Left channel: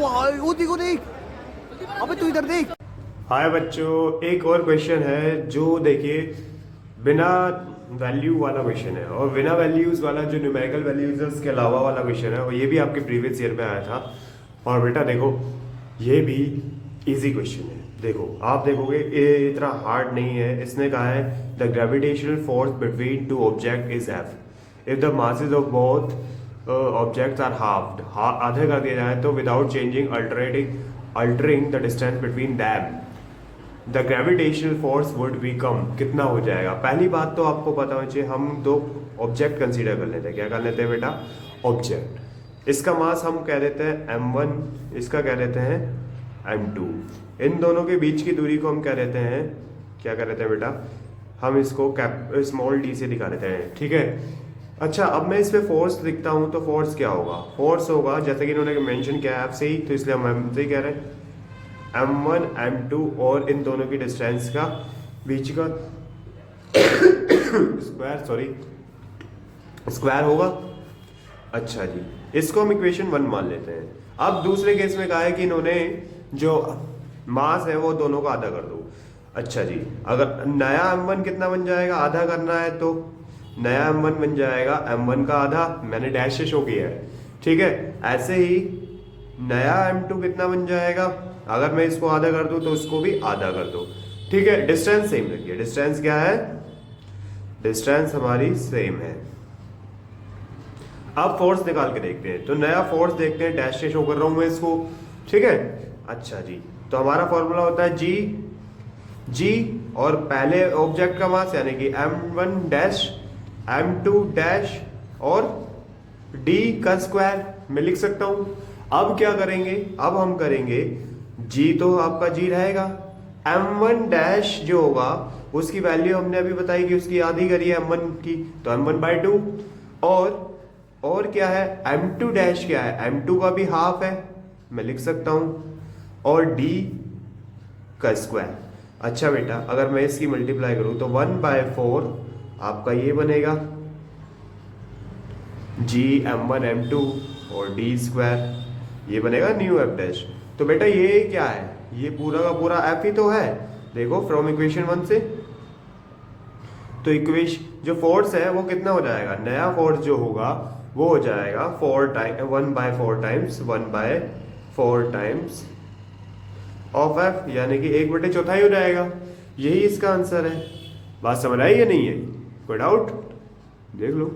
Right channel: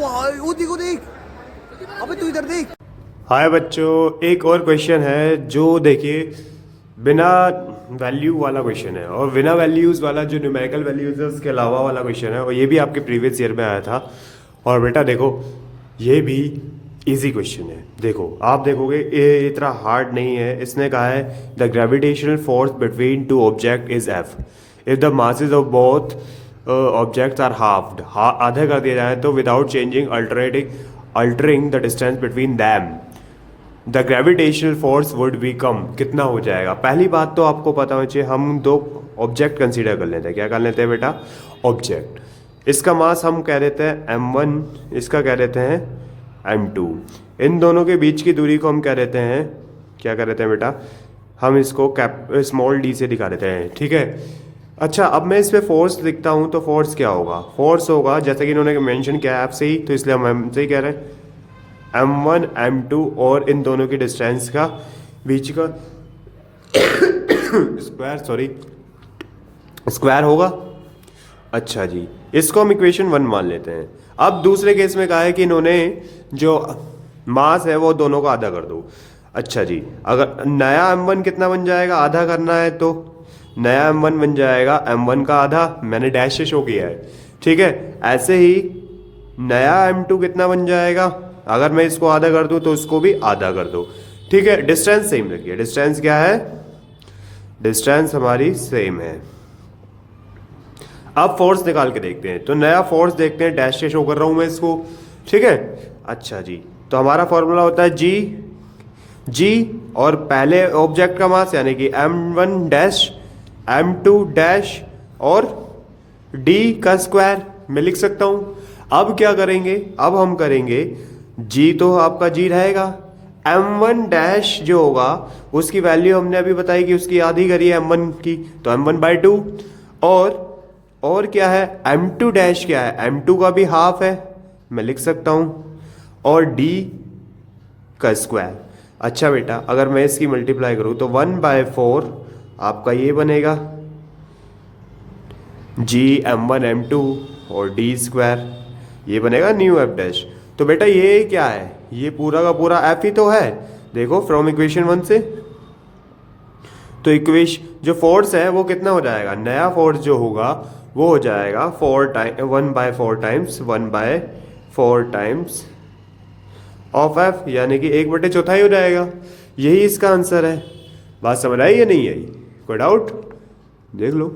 भाई वो देखो देख, अबे तू इधर देख। हाय बच्चों, एक और क्वेश्चन है जो देखिए बिना वैल्यू वाला क्वेश्चन है, और बिना वैल्यूज़ वाला जो न्यूमेरिकल वैल्यूज है उसके अलावा वाला क्वेश्चन है, और ये भी आपके प्रीवियस ईयर में आया था। और बेटा देखो, ये भी इजी क्वेश्चन है। देखो आप देखोगे ये इतना हार्ड नहीं है। इसने कहा है the gravitational force between two object is F if the masses of both objects are halved, आधा कर दिया जाए तो without changing altering the distance between them the gravitational force would become, कितना हो जाएगा। पहली बात तो आपको पता होना चाहिए, हम दो ऑब्जेक्ट कंसीडर कर लेते हैं। क्या कर लेते हैं बेटा? ऑब्जेक्ट। इसका मास हम कह देते हैं m1, इसका कह देते हैं m2। इन दोनों के बीच की दूरी को हम कह देते हैं, क्या कह देते हैं बेटा? हम इसको स्मॉल डी से दिखा देते हैं, ठीक है। अच्छा, अब मैं इस पे फोर्स लिखता हूँ तो फोर्स क्या होगा? फोर्स होगा जैसे कि इन्होंने मेंशन किया है आपसे ही, तो इसलिए हम एम से ही कह रहे हैं m1 m2, और इन दोनों की डिस्टेंस का बीच का स्क्वायर होगा। अच्छा जी, इसको हम इक्वेशन 1 मान लेते हैं। अब दूसरे केस में कहा है कि इन्होंने जो मास है वो दोनों का आधा कर दो। अच्छा जी, अगर नया m1 कितना बन जाएगा? आधा करना है तो नया m1 बन जाएगा m1 का आधा, मैंने डैश से शो किया है, ठीक है। ऐसे ही नया m2 कितना बन जाएगा? अगर मैं इसको आधा कर दूं तो इसको भी आधा कर दो, ठीक है। डिस्टेंस सेम रखिए। डिस्टेंस क्या है? डिस्टेंस हमारी सेम है। अब फोर्स निकाल के देखते हैं, तो नया फोर्स देखते हैं, डैश से शो कर रहा हूं मैं इसको, ठीक है। अच्छा जी, तो हमारा फॉर्मूला होता है जी और पहले ऑब्जेक्ट का मास यानी कि m1 डैश m2 डैश और d का स्क्वायर मैं लिख सकता हूं। अब क्या करेंगे? अब हम करेंगे g, तो आपका g रहेगा, m1 डैश जो होगा उसकी वैल्यू हमने अभी बताई कि उसकी आधी करी है m1 की, तो m1/2। और क्या है? m2 डैश क्या है? m2 का भी हाफ है, मैं लिख सकता हूं, और d का स्क्वायर। अच्छा बेटा, अगर मैं इसकी मल्टीप्लाई करूं तो 1/4 आपका ये बनेगा g m1 m2 और d स्क्वायर, ये बनेगा न्यू एफ डैश। तो बेटा ये क्या है? ये पूरा का पूरा एफ ही तो है, देखो फ्रॉम इक्वेशन 1 से। तो इक्वेशन जो फोर्स है वो कितना हो जाएगा? नया फोर्स जो होगा वो हो जाएगा 1/4 टाइम्स ऑफ एफ, यानी कि 1/4 हो जाएगा। यही इसका आंसर है। बात समझ आई या नहीं आई? कोई डाउट? देख लो।